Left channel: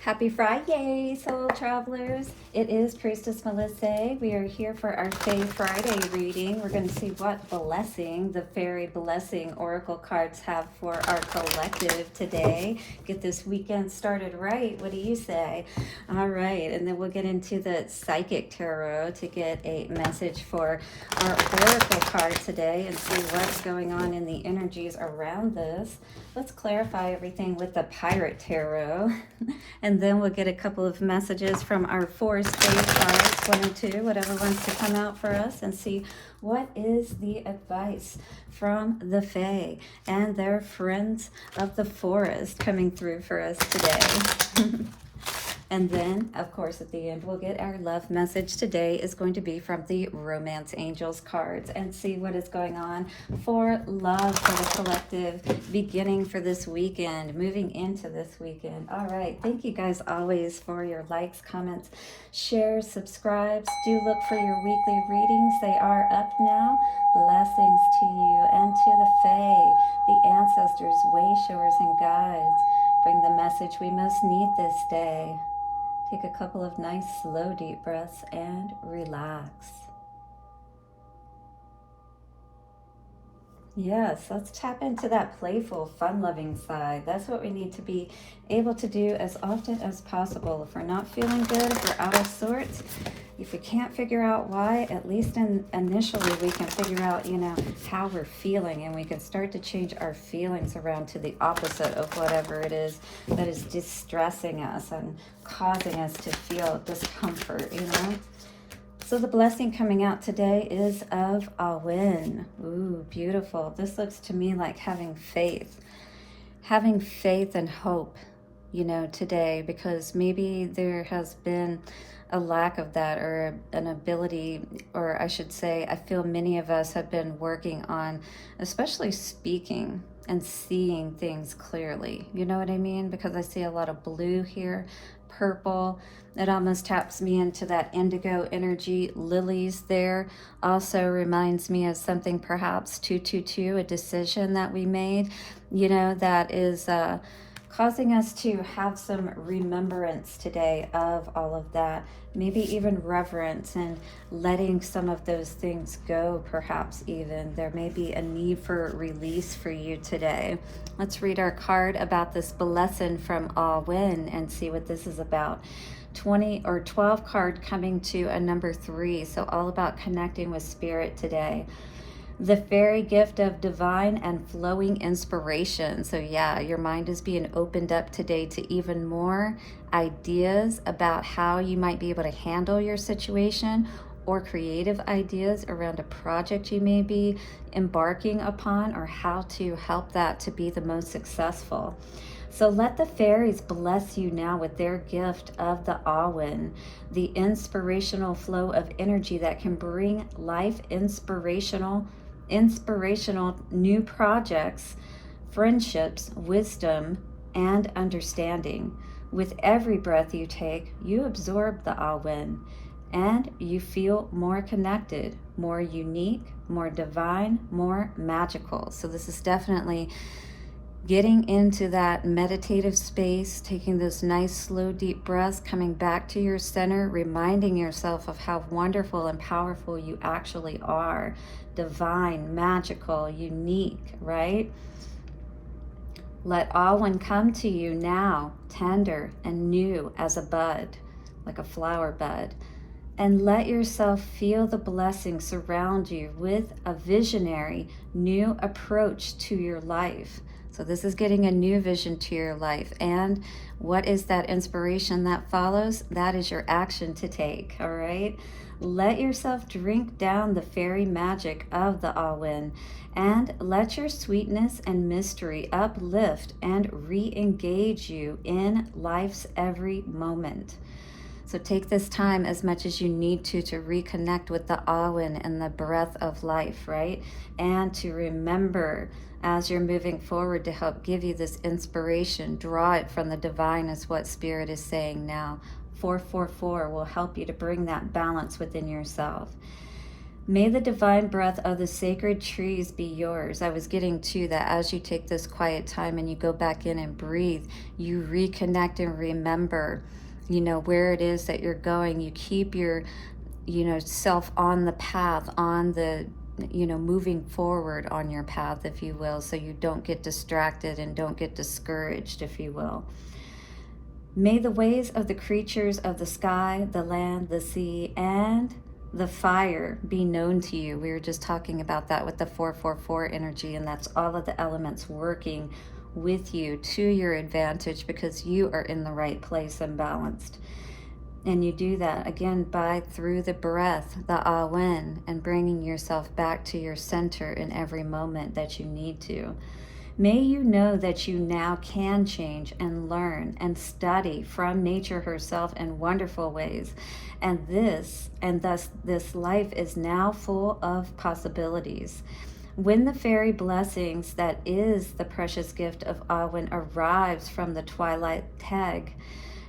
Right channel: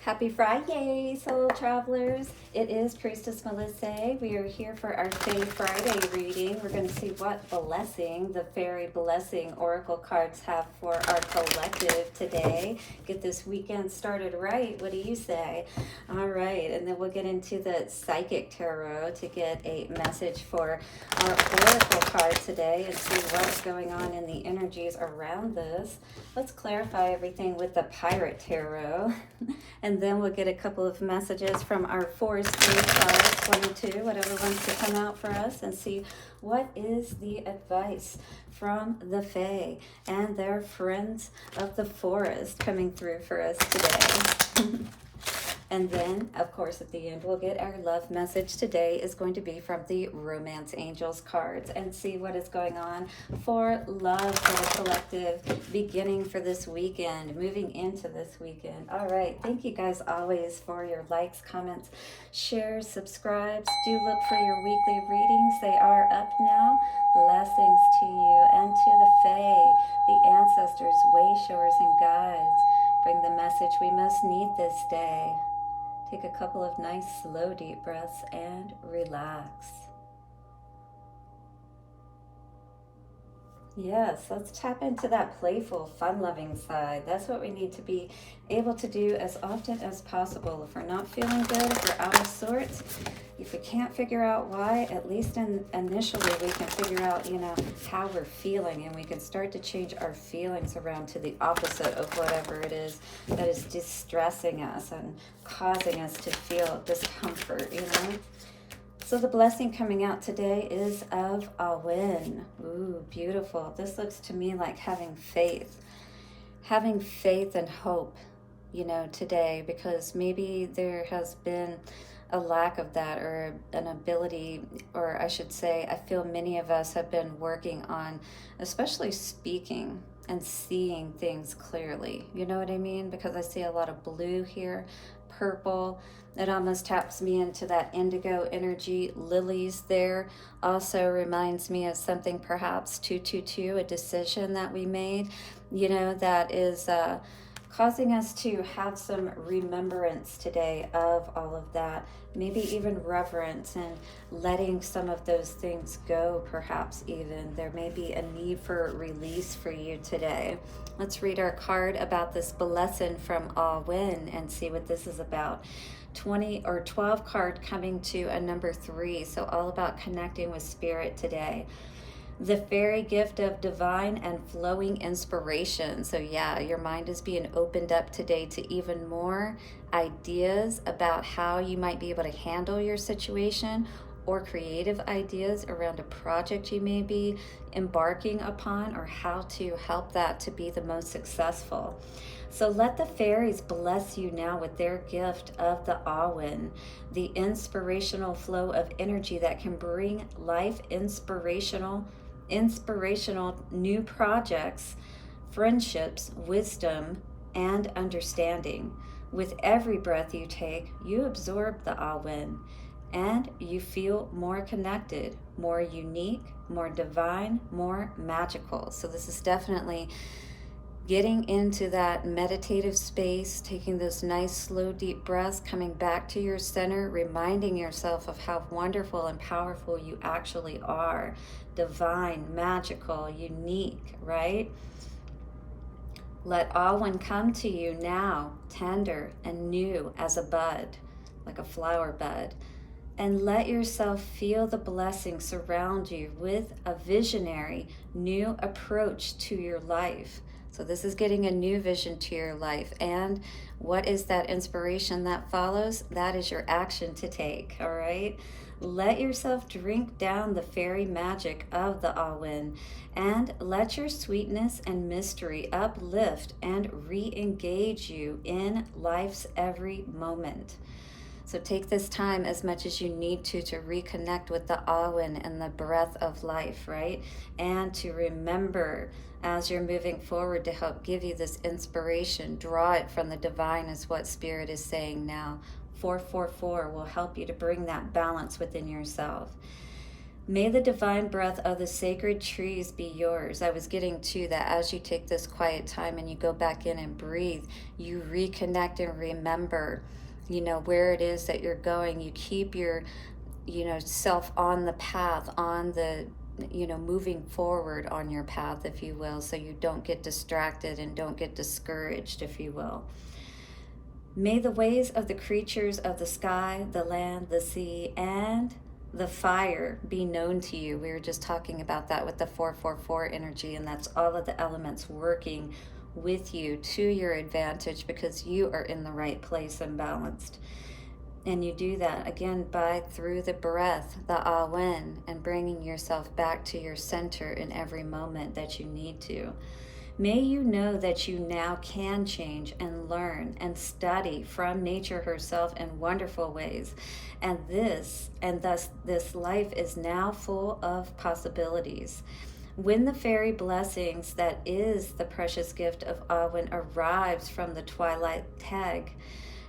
Happy Friday, soul travelers. It is Priestess Melissae. We are here for our Fae Friday reading. We're going to see what blessing the Fairy Blessing Oracle cards have for our collective today. Get this weekend started right. What do you say? All right, and then we'll get into the Psychic Tarot to get a message for our Oracle card today and see what's going on in the energies around this. Let's clarify everything with the Pirate Tarot. And then we'll get a couple of messages from our Forest Fae cards, one or two, whatever wants to come out for us, and see what is the advice from the Fae and their friends of the forest coming through for us today. And then, of course, at the end, we'll get our love message. Today is going to be from the Romance Angels cards and see what is going on for love for the collective, beginning for this weekend, moving into this weekend. All right. Thank you guys always for your likes, comments, shares, subscribes. Do look for your weekly readings. They are up now. Blessings to you and to the Fae, the ancestors, wayshowers, and guides. Bring the message we most need this day. Take a couple of nice, slow, deep breaths and relax. Yes, let's tap into that playful, fun-loving side. That's what we need to be able to do as often as possible. If we're not feeling good, if we're out of sorts, if we can't figure out why, at least initially we can figure out, how we're feeling, and we can start to change our feelings around to the opposite of whatever it is that is distressing us and causing us to feel discomfort, So the blessing coming out today is of Awen. Ooh, beautiful. This looks to me like having faith and hope, today, because maybe there has been a lack of that, or an ability, or I should say, I feel many of us have been working on especially speaking and seeing things clearly. You know what I mean? Because I see a lot of blue here, purple. It almost taps me into that indigo energy. Lilies there also reminds me of something, perhaps 222, a decision that we made, that is causing us to have some remembrance today of all of that. Maybe even reverence and letting some of those things go, perhaps even. There may be a need for release for you today. Let's read our card about this blessing from Awen and see what this is about. 20 or 12 card coming to a number 3. So all about connecting with spirit today. The fairy gift of divine and flowing inspiration. So yeah, your mind is being opened up today to even more ideas about how you might be able to handle your situation, or creative ideas around a project you may be embarking upon, or how to help that to be the most successful. So let the fairies bless you now with their gift of the Awen, the inspirational flow of energy that can bring life inspirational new projects, friendships, wisdom, and understanding. With every breath you take, you absorb the Awen, and you feel more connected, more unique, more divine, more magical. So this is definitely getting into that meditative space, taking those nice, slow, deep breaths, coming back to your center, reminding yourself of how wonderful and powerful you actually are. Divine, magical, unique, right? Let Awen come to you now, tender and new as a bud, like a flower bud. And let yourself feel the blessing surround you with a visionary, new approach to your life. So this is getting a new vision to your life. And what is that inspiration that follows? That is your action to take, all right? Let yourself drink down the fairy magic of the Awen, and let your sweetness and mystery uplift and re-engage you in life's every moment. So take this time as much as you need to reconnect with the Awen and the breath of life, right? And to remember as you're moving forward to help give you this inspiration, draw it from the divine is what Spirit is saying now. 444 will help you to bring that balance within yourself. May the divine breath of the sacred trees be yours. I was getting to that as you take this quiet time and you go back in and breathe, you reconnect and remember, you know, where it is that you're going. You keep your, you know, self on the path, on the, you know, moving forward on your path, if you will, so you don't get distracted and don't get discouraged, if you will. May the ways of the creatures of the sky, the land, the sea, and the fire be known to you. We were just talking about that with the 444 energy, and that's all of the elements working with you to your advantage because you are in the right place and balanced. And you do that again by through the breath, the Awen, and bringing yourself back to your center in every moment that you need to. May you know that you now can change and learn and study from nature herself in wonderful ways. And thus this life is now full of possibilities. When the fairy blessings that is the precious gift of Awen arrives from the twilight tag,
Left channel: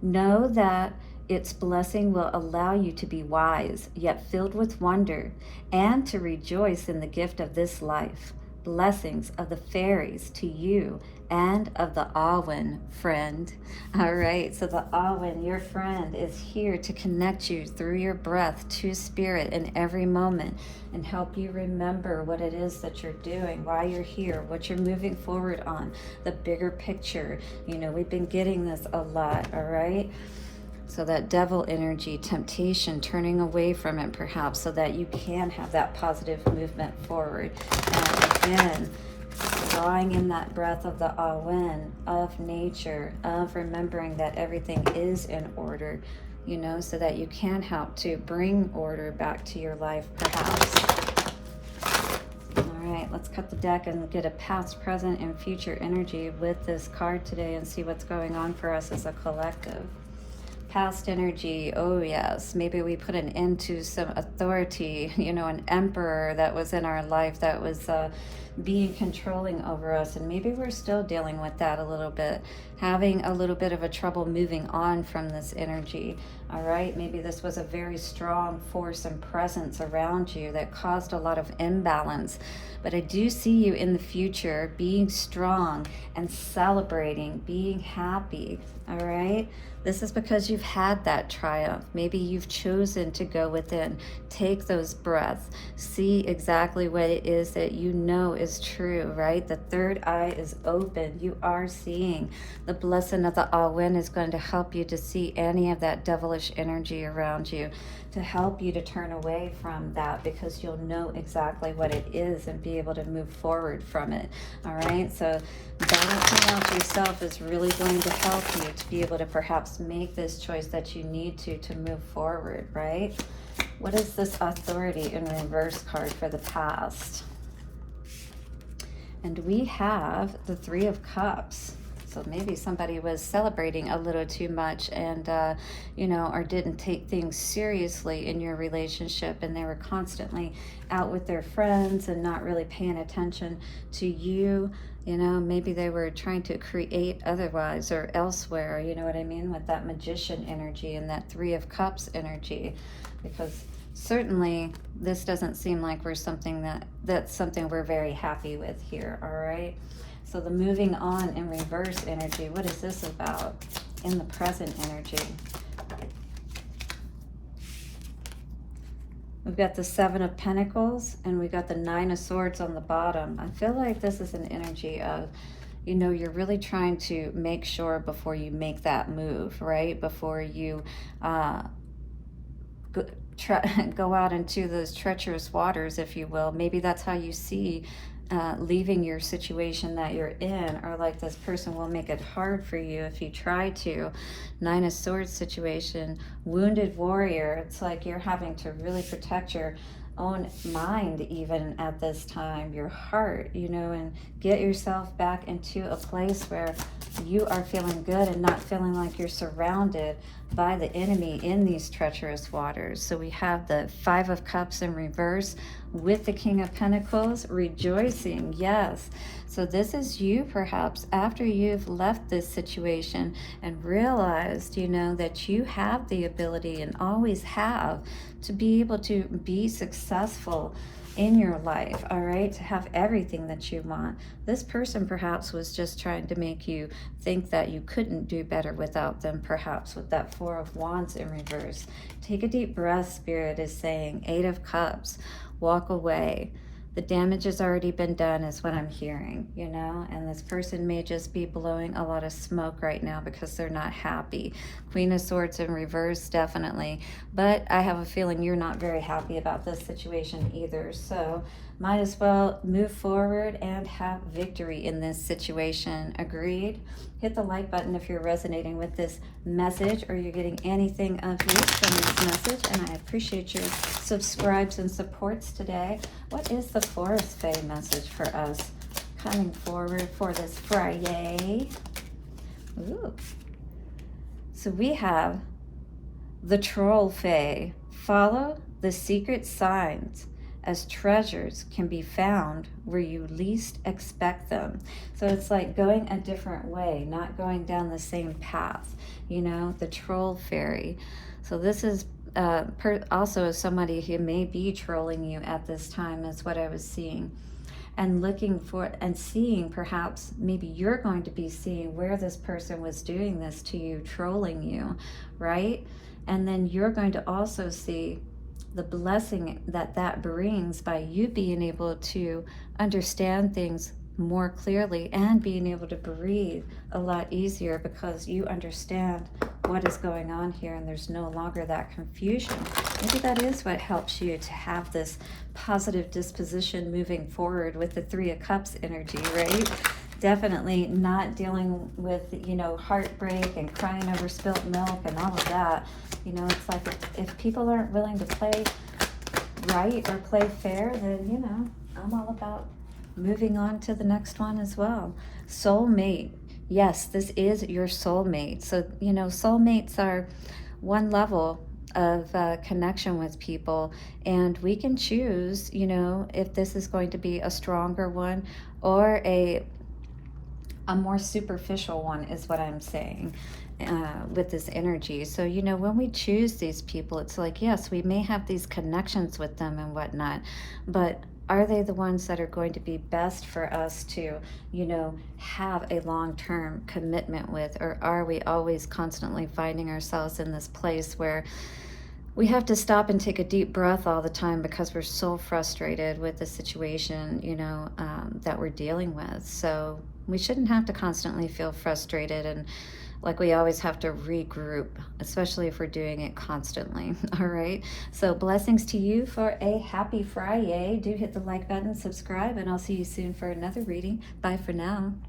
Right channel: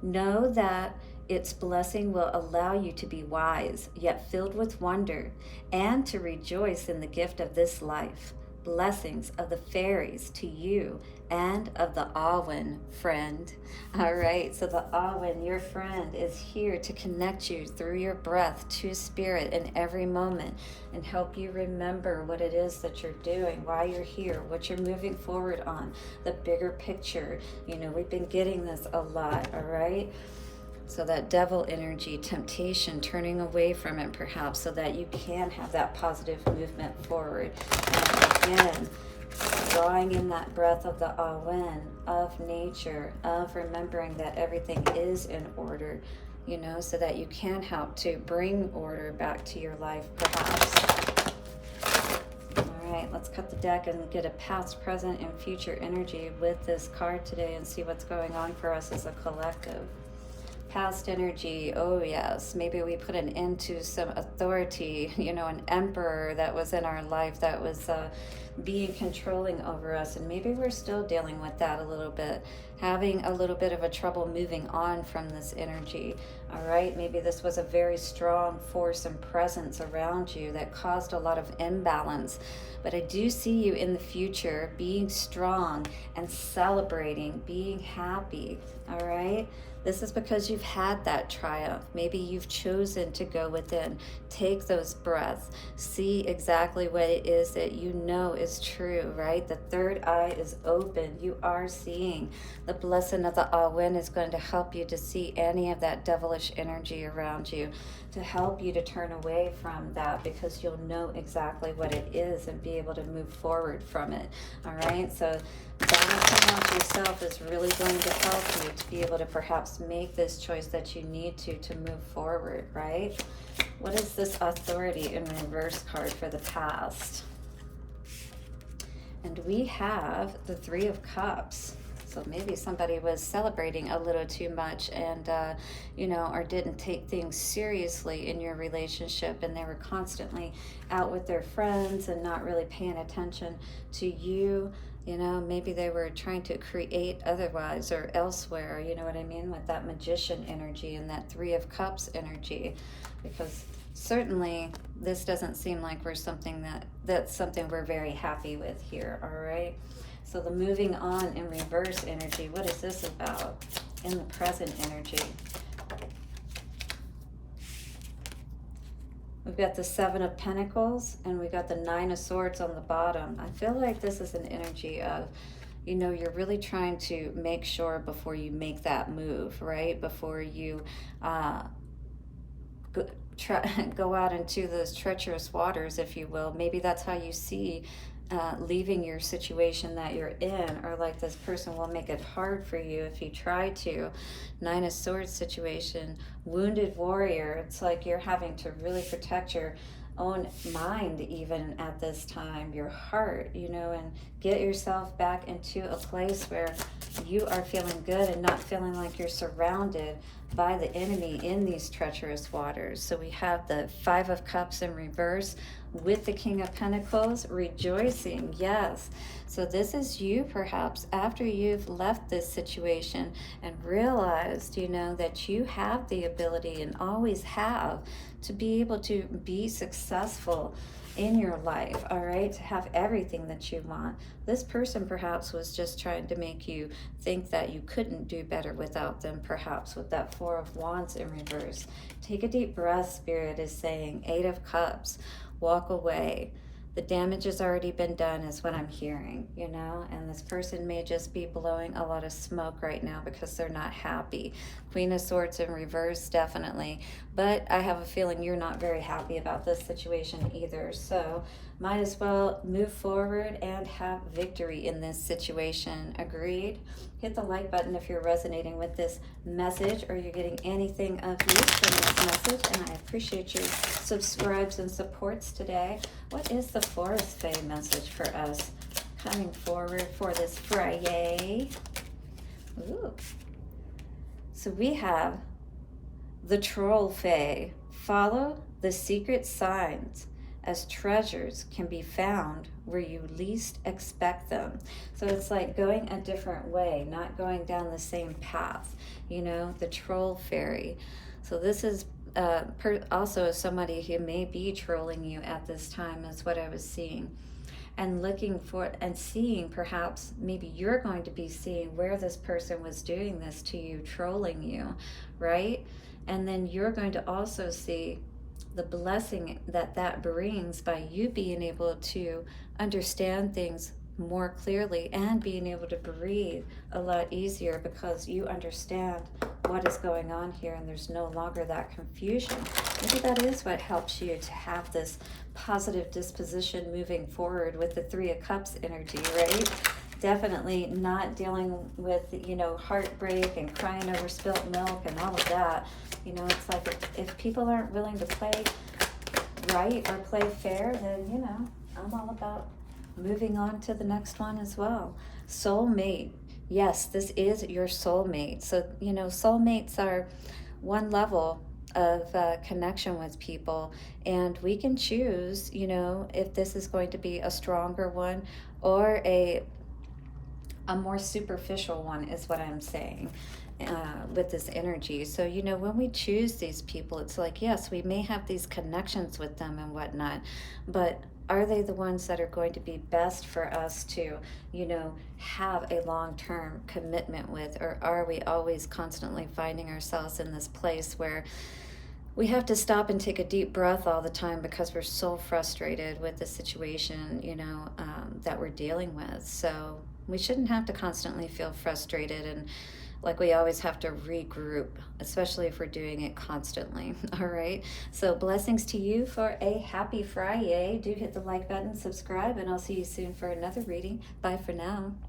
know that its blessing will allow you to be wise, yet filled with wonder, and to rejoice in the gift of this life. Blessings of the fairies to you and of the Awen, friend. All right, so the Awen, your friend, is here to connect you through your breath to spirit in every moment and help you remember what it is that you're doing, why you're here, what you're moving forward on, the bigger picture. You know, we've been getting this a lot, all right? So that devil energy, temptation, turning away from it perhaps so that you can have that positive movement forward. And again, drawing in that breath of the Awen, of nature, of remembering that everything is in order, you know, so that you can help to bring order back to your life perhaps. All right, let's cut the deck and get a past, present, and future energy with this card today and see what's going on for us as a collective. Past energy, oh yes, maybe we put an end to some authority, you know, an emperor that was in our life that was being controlling over us, and maybe we're still dealing with that a little bit, having a little bit of a trouble moving on from this energy. All right, maybe this was a very strong force and presence around you that caused a lot of imbalance, but I do see you in the future being strong and celebrating, being happy. All right, this is because you've had that triumph. Maybe you've chosen to go within, take those breaths, see exactly what it is that you know is true, right? The third eye is open. You are seeing. The blessing of the Awen is going to help you to see any of that devilish energy around you, to help you to turn away from that because you'll know exactly what it is and be able to move forward from it. All right, so looking at yourself is really going to help you to be able to perhaps make this choice that you need to move forward, right? What is this authority in reverse card for the past? And we have the Three of Cups. So maybe somebody was celebrating a little too much and, you know, or didn't take things seriously in your relationship, and they were constantly out with their friends and not really paying attention to you. You know, maybe they were trying to create otherwise or elsewhere, you know what I mean, with that magician energy and that Three of Cups energy, because certainly this doesn't seem like we're that's something we're very happy with here. All right, so the moving on in reverse energy, what is this about in the present energy? We've got the Seven of Pentacles and we got the Nine of Swords on the bottom. I feel like this is an energy of, you know, you're really trying to make sure before you make that move, right? Before you go out into those treacherous waters, if you will. Maybe that's how you see leaving your situation that you're in, or like this person will make it hard for you if you try to. Nine of Swords situation, wounded warrior. It's like you're having to really protect your own mind even at this time, your heart, you know, and get yourself back into a place where you are feeling good and not feeling like you're surrounded by the enemy in these treacherous waters. So we have the Five of Cups in reverse with the King of Pentacles, rejoicing, yes. So this is you perhaps after you've left this situation and realized, you know, that you have the ability and always have to be able to be successful in your life, all right, to have everything that you want. This person perhaps was just trying to make you think that you couldn't do better without them, perhaps with that Four of Wands in reverse. Take a deep breath, Spirit is saying. Eight of Cups, walk away. The damage has already been done is what I'm hearing, you know, and this person may just be blowing a lot of smoke right now because they're not happy. Queen of Swords in reverse, definitely. But I have a feeling you're not very happy about this situation either. So might as well move forward and have victory in this situation. Agreed? Hit the like button if you're resonating with this message or you're getting anything of use from this message. And I appreciate your subscribes and supports today. What is the Forest Fae message for us coming forward for this FriYay? Ooh. So we have the Troll Fae. Follow the secret signs, as treasures can be found where you least expect them. So it's like going a different way, not going down the same path, you know, the Troll Fairy. So this is also somebody who may be trolling you at this time is what I was seeing. And looking for and seeing, perhaps maybe you're going to be seeing where this person was doing this to you, trolling you, right? And then you're going to also see the blessing that that brings by you being able to understand things more clearly and being able to breathe a lot easier because you understand what is going on here and there's no longer that confusion. Maybe that is what helps you to have this positive disposition moving forward with the Three of Cups energy, right? Definitely not dealing with, you know, heartbreak and crying over spilt milk and all of that. You know, it's like if people aren't willing to play right or play fair, then, you know, I'm all about moving on to the next one as well. Soulmate. Yes, this is your soulmate. So, you know, soulmates are one level of connection with people, and we can choose, you know, if this is going to be a stronger one or a more superficial one is what I'm saying with this energy. So, you know, when we choose these people, it's like, yes, we may have these connections with them and whatnot, but are they the ones that are going to be best for us to, you know, have a long-term commitment with? Or are we always constantly finding ourselves in this place where we have to stop and take a deep breath all the time because we're so frustrated with the situation, you know, that we're dealing with? So we shouldn't have to constantly feel frustrated and like we always have to regroup, especially if we're doing it constantly. All right. So blessings to you for a happy FriYay. Do hit the like button, subscribe, and I'll see you soon for another reading. Bye for now.